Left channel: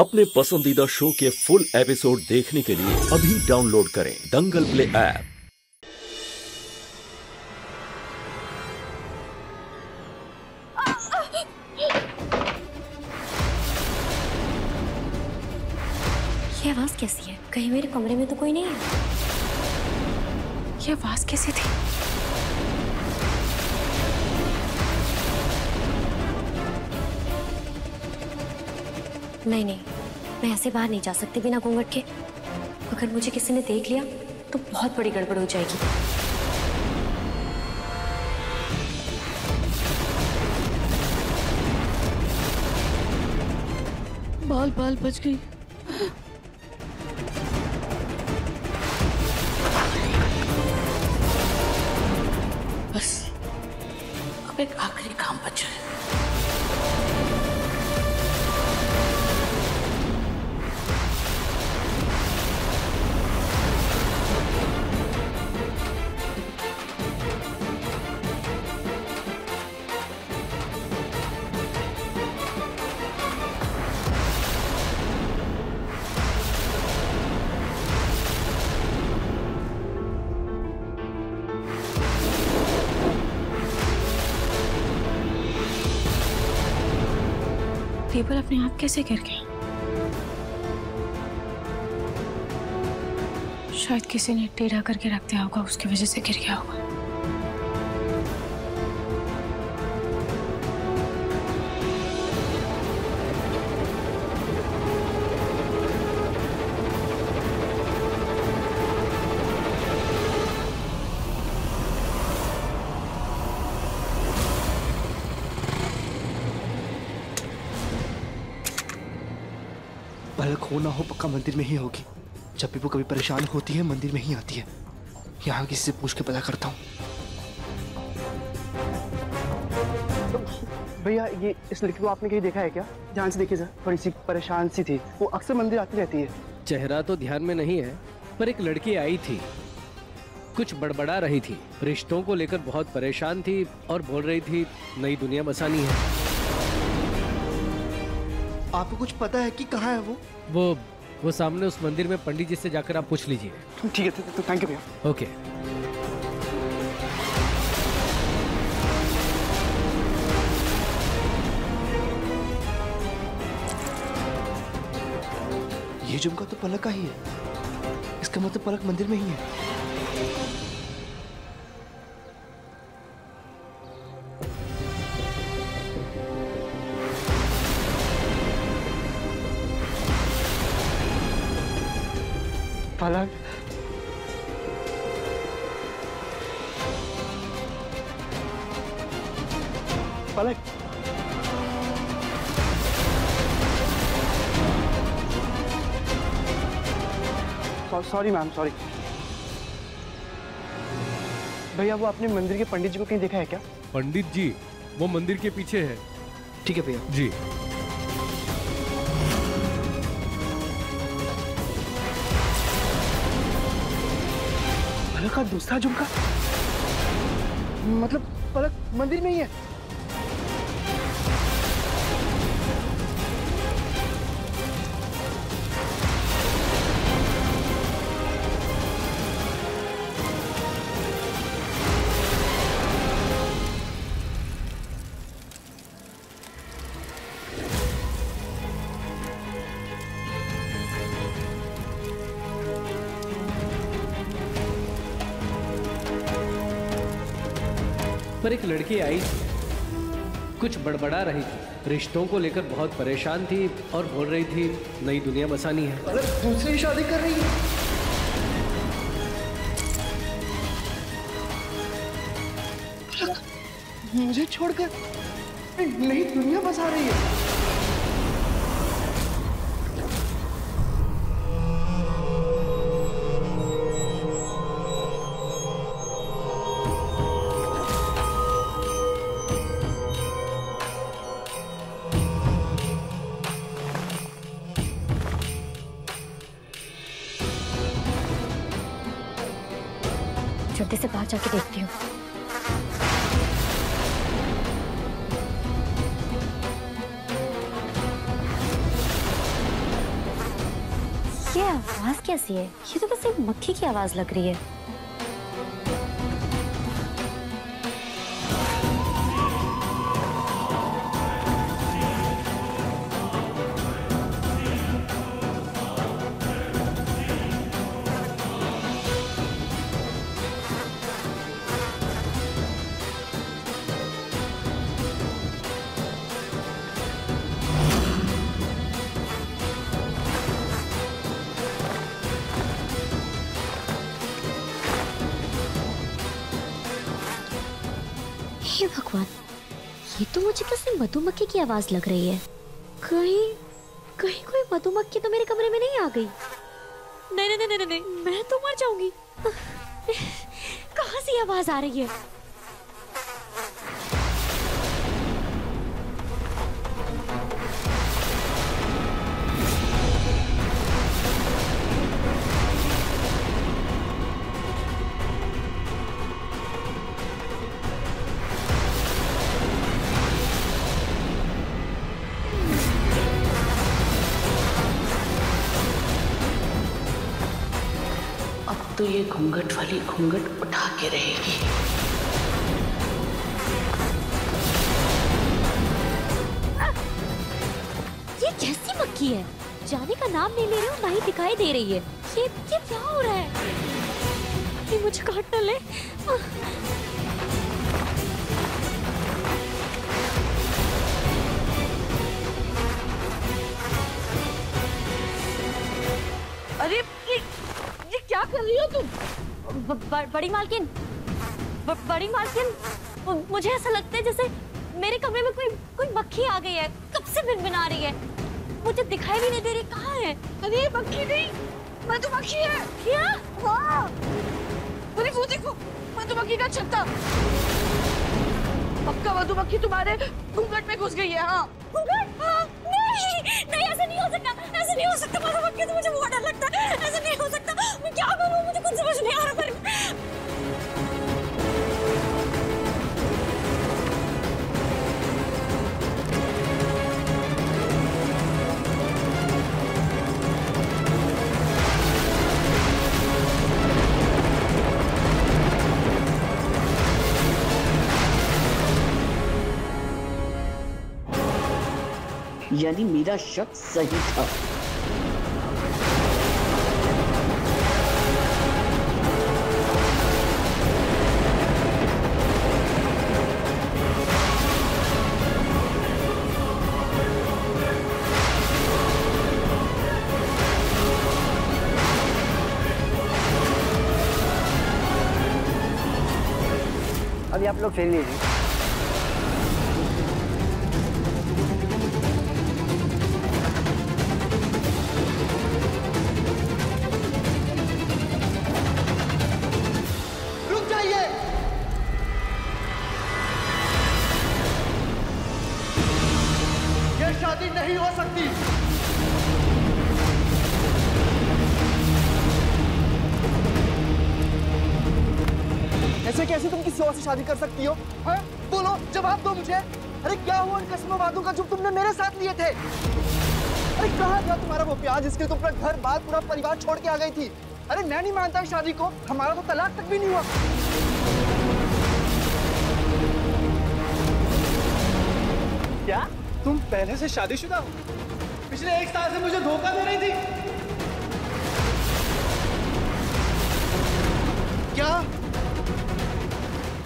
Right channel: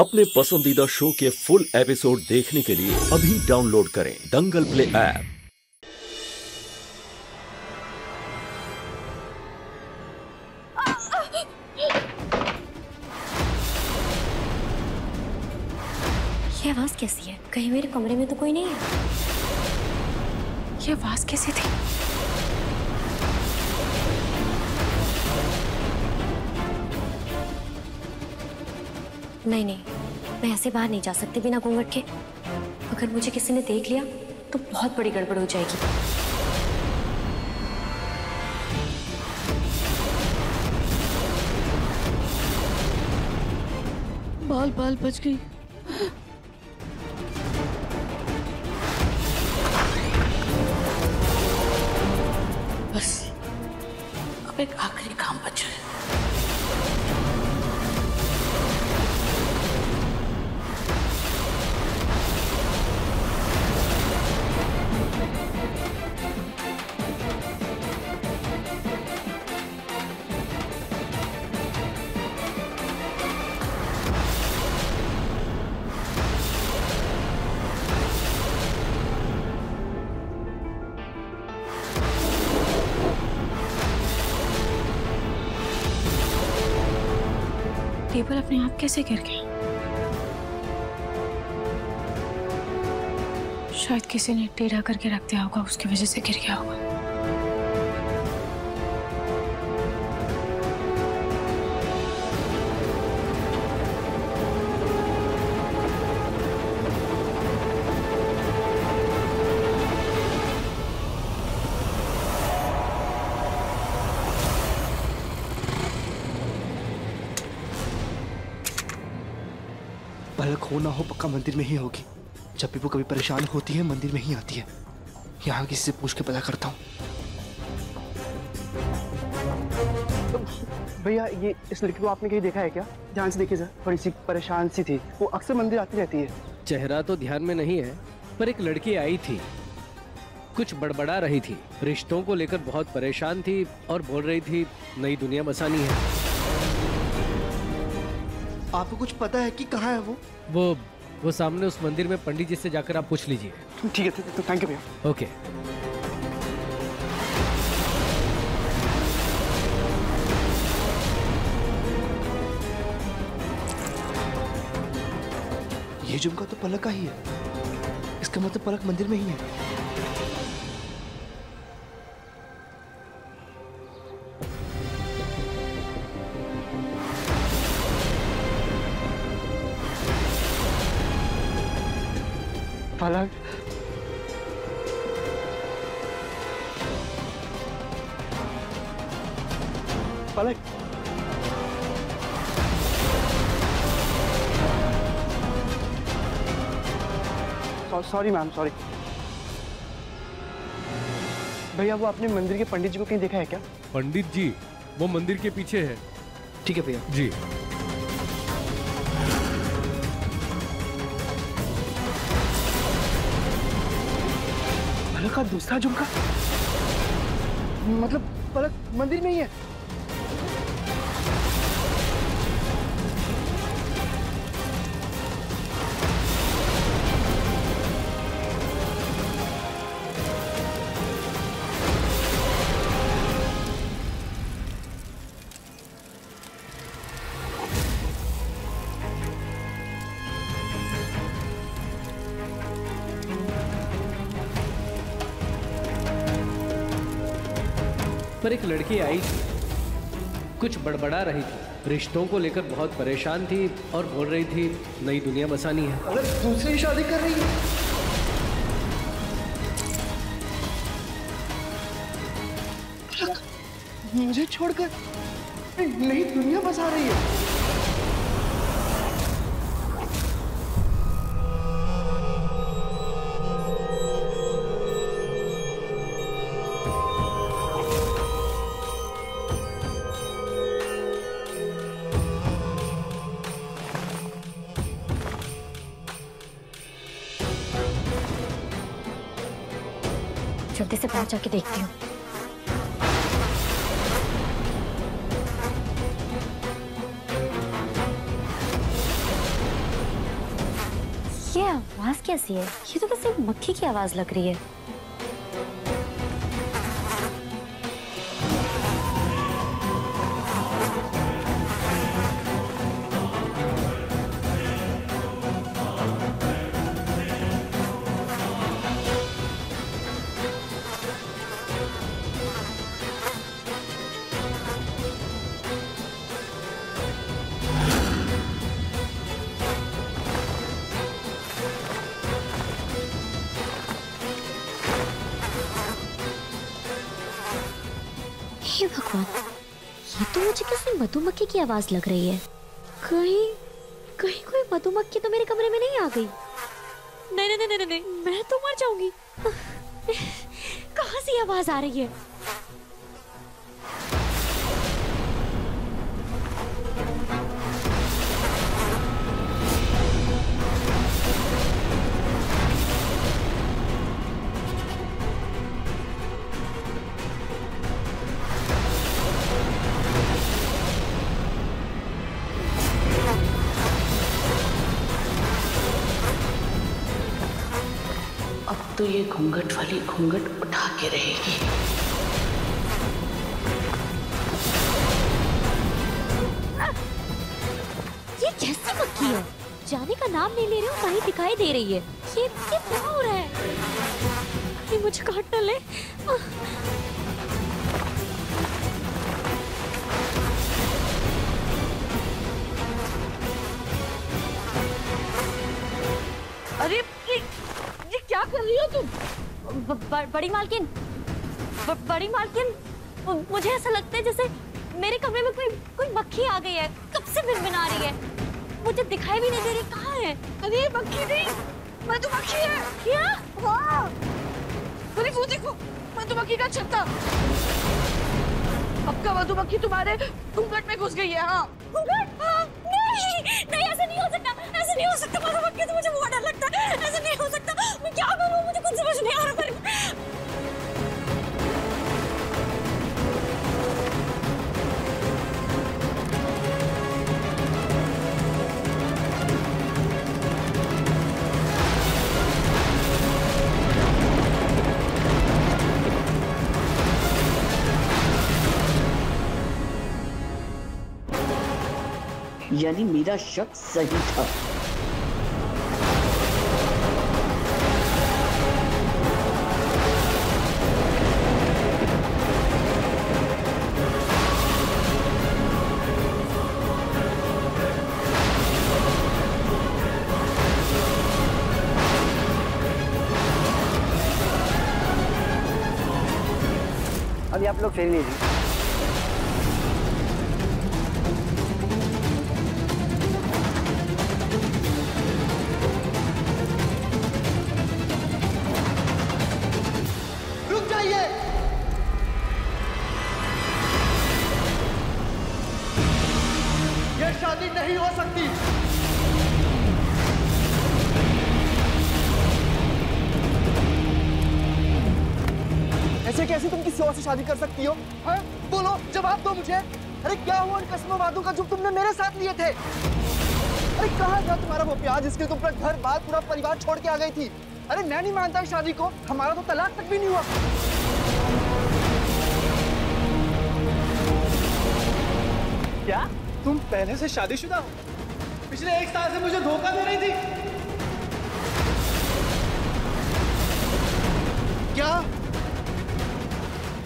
अपने पसंदीदा शो के फुल एपिसोड देखने के लिए अभी डाउनलोड करें दंगल प्ले ऐप। ये आवाज कैसी है? कहीं मेरे कमरे में तो कोई नहीं है। ये आवाज कैसी थी? नहीं, मैं ऐसे बाहर नहीं जा सकती बिना घूंघट के। अगर मुझे किसी ने देख लिया तो बहुत बड़ी गड़बड़ हो जाएगी। बाल बच गई। बस अब एक आखिरी काम बचा है। टेबल अपने आप कैसे गिर गया? शायद किसी ने टेढ़ा करके रख दिया होगा, उसकी वजह से गिर गया होगा। पलक हो ना हो पक्का मंदिर में ही होगी। जब भी वो कभी परेशान होती है मंदिर में ही आती है। यहाँ किसी से पूछ के पता करता हूँ। भैया ये इस लड़की को आपने कहीं देखा है क्या? ध्यान से देखिए सर, थोड़ी सी परेशान सी थी। वो अक्सर मंदिर आती रहती है। चेहरा तो ध्यान में नहीं है, पर एक लड़की आई थी, कुछ बड़बड़ा रही थी, रिश्तों को लेकर बहुत परेशान थी और बोल रही थी नई दुनिया बसानी है। आपको कुछ पता है कि कहाँ है वो? वो सामने उस मंदिर में पंडित जी से जाकर आप पूछ लीजिए। ठीक है, तो थैंक यू भैया। ओके। ये झुमका तो पलक का ही है। इसका मतलब पलक मंदिर में ही है। पलक, पलक, सॉरी मैम, सॉरी। भैया वो आपने मंदिर के पंडित जी को कहीं देखा है क्या? पंडित जी वो मंदिर के पीछे है। ठीक है भैया जी। पलक का दूसरा झुमका, मतलब पलक मंदिर में ही है। पर एक लड़की आई थी, कुछ बड़बड़ा रही थी, रिश्तों को लेकर बहुत परेशान थी और बोल रही थी नई दुनिया बसानी है। अगर दूसरी शादी कर रही है? मुझे छोड़कर नई दुनिया बसा रही है। जल्दी से बाहर जाके देखती हूँ। ये आवाज कैसी है? ये तो किसी मक्खी की आवाज लग रही है। हे भगवान, ये तो मुझे किसी मधुमक्खी की आवाज लग रही है। कहीं कहीं कोई मधुमक्खी तो मेरे कमरे में नहीं आ गई। नहीं नहीं नहीं नहीं नहीं, मैं तो मर जाऊंगी। कहाँ से ये आवाज आ रही है? अब तो ये घूंघट वाली घूंघट उठा के रहेगी। ये कैसी मक्खी है? जाने का नाम नहीं ले रही हूँ, वहीं दिखाई दे रही है। ये क्या हो रहा है? ये मुझे काट न ले। अरे ये क्या कर रही हो तुम? बड़ी मालकिन, बड़ी मालकिन, मुझे ऐसा लगता है जैसे मेरे कमरे में कोई मक्खी आ गई है। कब से भिनभिना रही है, मुझे दिखाई भी नहीं दे रही। कहाँ है? अरे मक्खी नहीं, मधुमक्खी है। क्या? हाँ, अरे वो देखो, मधुमक्खी का छत्ता। पक्का मधुमक्खी तुम्हारे घूंघट में घुस गई है। हाँ घूंघट? हाँ। नहीं नहीं, ऐसा नहीं हो सकता, ऐसा नहीं हो सकता। मधुमक्खी तो मुझे बहुत डर लगता है। ऐसा नहीं हो सकता। मैं क्या करूँ, मुझे कुछ समझ नहीं आ रहा। यानी मेरा शक सही था। अभी आप लोग फेर लीजिए। रुक जाइए। ये शादी नहीं हो सकती। ऐसे कैसे तुम किसी और से शादी कर सकती हो? हाँ? बोलो, जवाब दो मुझे। अरे क्या हुआ उन कसमों वादों का जो तुमने मेरे साथ लिए थे? अरे कहाँ था तुम्हारा वो प्यार जिसके तुम अपना घर बार पूरा परिवार छोड़ के आ गई थी? अरे मैं नहीं मानता इस शादी को, हमारा तो तलाक तक भी नहीं हुआ। क्या तुम पहले से शादीशुदा हो? पिछले 1 साल से मुझे धोखा दे रही थी क्या?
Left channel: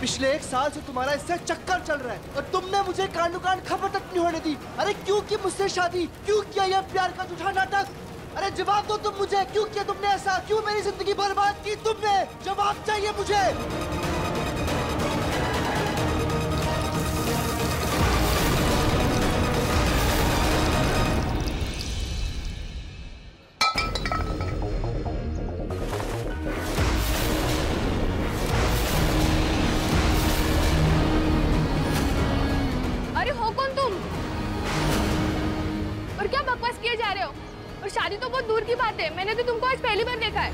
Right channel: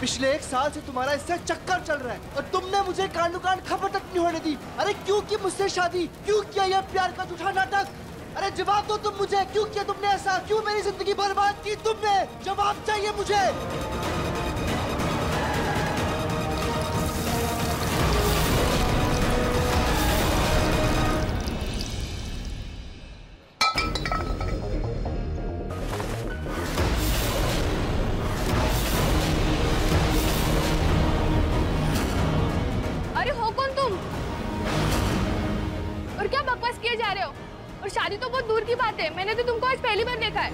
पिछले 1 साल से तुम्हारा इससे चक्कर चल रहा है और तुमने मुझे कांडो-कांड खबर तक नहीं होने दी। अरे क्यों की मुझसे शादी? क्यों किया यह प्यार का झूठा नाटक? अरे जवाब दो तुम मुझे, क्यों किया तुमने ऐसा? क्यों मेरी जिंदगी बर्बाद की तुमने? जवाब चाहिए मुझे। अरे हो कौन तुम? और क्या बकवास किए जा रहे हो? और शादी तो बहुत दूर की बात है, मैंने तो तुमको आज पहली बार देखा है।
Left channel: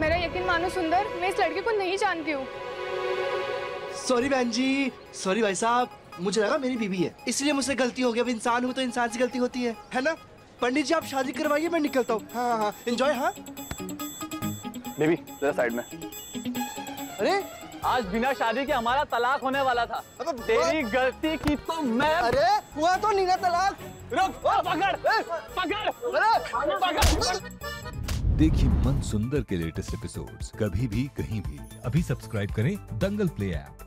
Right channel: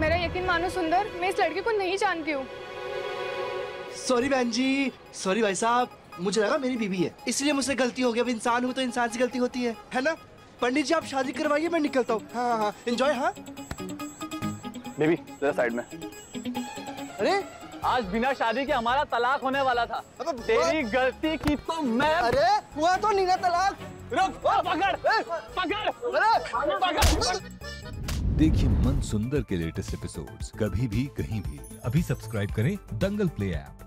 मेरा यकीन मानो सुंदर, मैं इस लड़के को नहीं जानती हूँ। सॉरी बहन जी, सॉरी भाई साहब, मुझे लगा मेरी बीवी है इसलिए मुझसे गलती हो गई। अब इंसान हूँ तो इंसान से गलती होती है ना? पंडित जी आप शादी करवाइए, मैं निकलता हूँ। हाँ हाँ एंजॉय। हाँ बेबी जरा साइड में। अरे आज बिना शादी के हमारा तलाक होने वाला था। तेरी गलती की तो मैं। अरे हुआ तो नहीं ना तलाक। रुक, पकड़ पकड़। देखिए मन सुंदर के लेटेस्ट एपिसोड्स कभी भी कहीं भी। अभी सब्सक्राइब करें दंगल प्ले ऐप।